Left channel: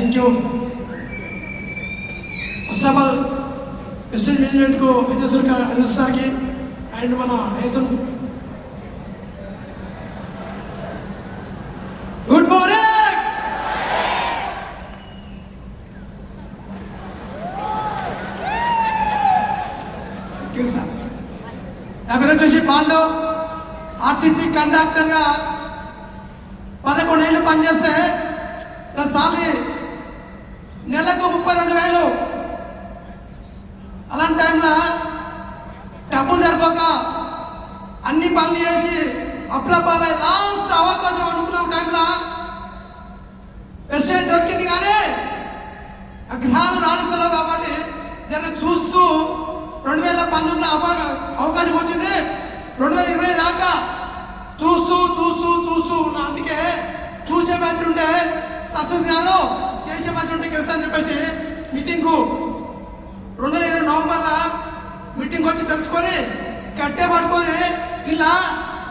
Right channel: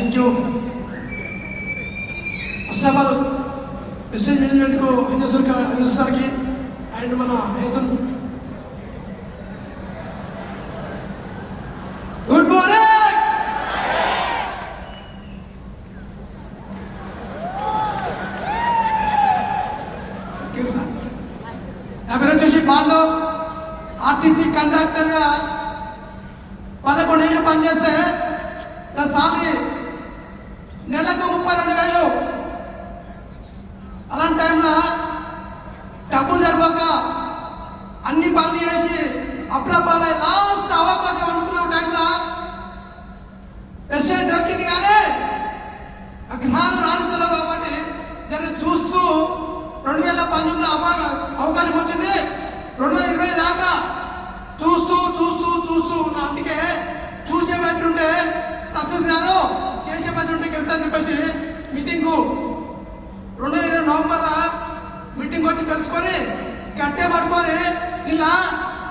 Thank you. First of all wastage మేనేజ్మెంట్కు అజయ్ సార్కి and మన ఏసం గుడ్ మార్నింగ్. నా పేరు వచ్చేసి పాండవ్. ఆర్టీసీ కండక్టర్గా 11 ఏళ్ళు పనిచేస్తే నా సాలి నెలకు 32,000. అలాంటి టైంలో డబ్బులు జరపక అన్ని పనులు చేసి అప్పుడపాలే లాస్ట్ అవకాశం అనుకున్న టైంలో వెస్టేజ్ దొరికింది. కానీ గ్రహాలు రాణిస్తలేవు కాబట్టి జర చూస్తూ 2019 అవకాశం వచ్చింది. 2020 దాకా చూస్తూ ఉన్నా. అందుకే చూసే బ్యాచ్ ఉంటే సక్సెస్ కాదు, చేసే బ్యాచ్ ఉంటే గెలుస్తాను చెప్పేసి మీటింగ్కు 2020 నవంబర్లో మీటింగ్ వచ్చి తెలుసుకొని కట్టే పట్టుకొని ఇలా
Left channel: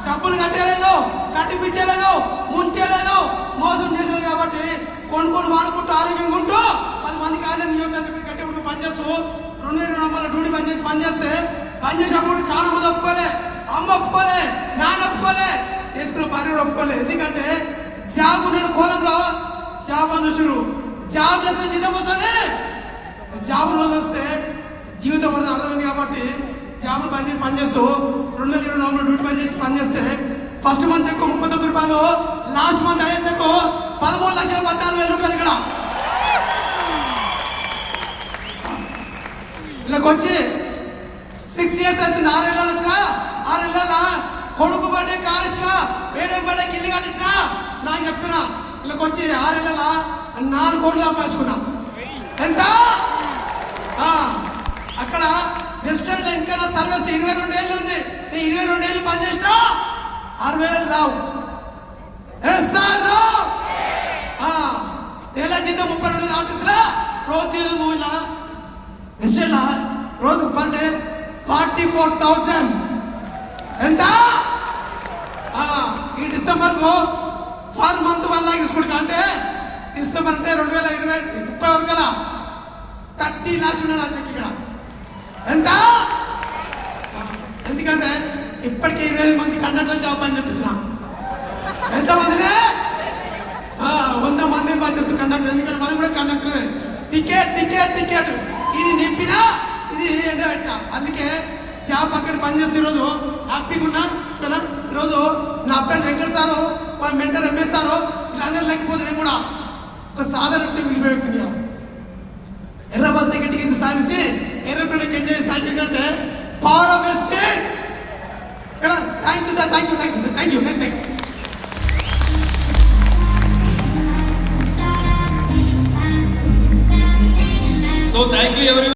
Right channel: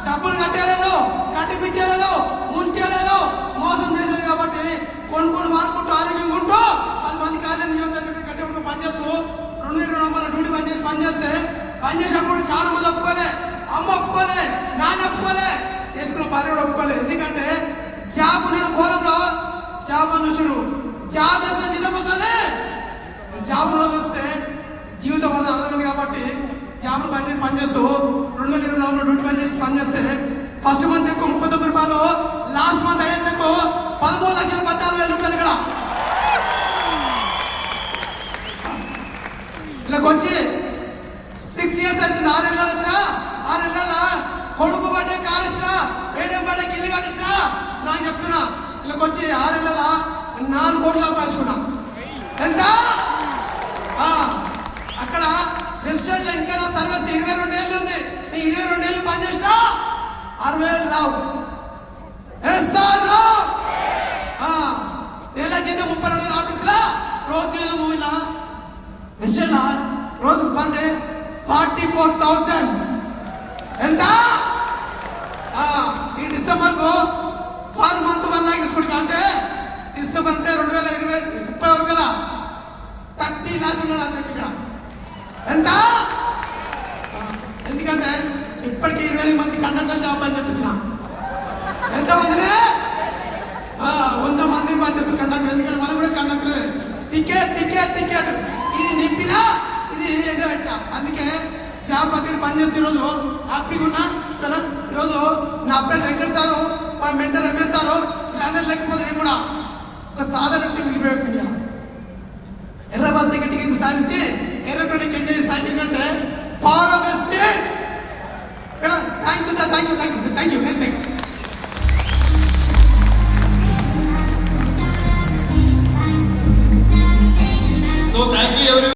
డబ్బులు కట్టేయలేదు, కట్టిపించలేదు, ముంచేయలేదు, మోసం చేసలేదు. కాబట్టి కొనుక్కొని వాడుకుంటూ ఆరోగ్యంగా ఉంటూ 10 మందికి ఆదాయం నియోజకవర్గం కట్టేప్పుడు పనిచేస్తూ 2020 నవంబర్లో డ్యూటీ పనిచేసినప్పుడు చాలా మంది ఒప్పుకోలే, అమ్మ ఒప్పుకోలే, నాన్న ఒప్పుకోలే, చేసుకున్న భార్య కూడా ఒప్పుకోలేదు. ఎందుకంటే జాబ్ ఉన్న కోలంలో జాబ్ అని చూసారు. జాబ్ చేస్తే జీతం వస్తుంది. జాబ్ రోజు వస్తే జీవితం అనేది అర్థమైంది. కాబట్టి జాబ్ పనిచేస్తూ 2020 నవంబర్ డ్యూటీ పనిచేస్తే ఫస్ట్ మంత్ చెక్కు 39 రూపాయలు, లాస్ట్ మంత్ అయ్యే చెక్కు 13,14,000 రూపాయలు. ఇక్కడ ఇలాగ వచ్చి 6 years అవుతుంది. 6 ఏళ్ళు వచ్చినా 6 ఏళ్ళ కొడుకు పడే కారు ఇచ్చినా 7 పడే గిల్లు కానిచ్చినా నాకు చెప్పిన ఇలాగ వచ్చి 6 ఏళ్ళ 4 కోట్లు సంపాదించుకున్నా. ఎంత అక్కడ వెస్టేజ్ ఇంకా సర్వీస్ 22 ఏళ్ళు ఉంది. 22 ఏళ్ళు పనిచేసినా 60,000 రావు. నెల జీతం 32 ఆఫీసులో రోజు మూవీలా వెస్టేజ్ రోజు పర్ డే 44,000. ఎంత? ఈ డిసెంబర్ కు ఫర్ మంత్ 1 లాక్ తీసుకుంటా. అంటే డిసెంబర్ అంటే 2030 వరకు కదా 30 lakhs ఉన్నాడు చెక్ ఇక్కడ. ఎంత? ఎందుకంటే ఇప్పటికీ 20,000 మంది కండక్టర్ జాబ్ అని చెప్తున్నా. ఎంతమందిని? 100 మంది పని చెప్తారు కండక్టర్. ఎందుకంటే మనం కూడా కండక్టర్. టికెట్ ఇది నింపినా ఇది అందుకే జాబ్ అక్కడ పనిచేస్తున్న రోజు హ్యాపీగా ఉన్నా కదా. ఈరోజు నా పేరు వెంకట సారు, మా మెంటర్ ఎంఎస్ సారు, వీళ్ళందరూ లేకపోతే నేను కూడా ఒక సాధారణ వ్యక్తి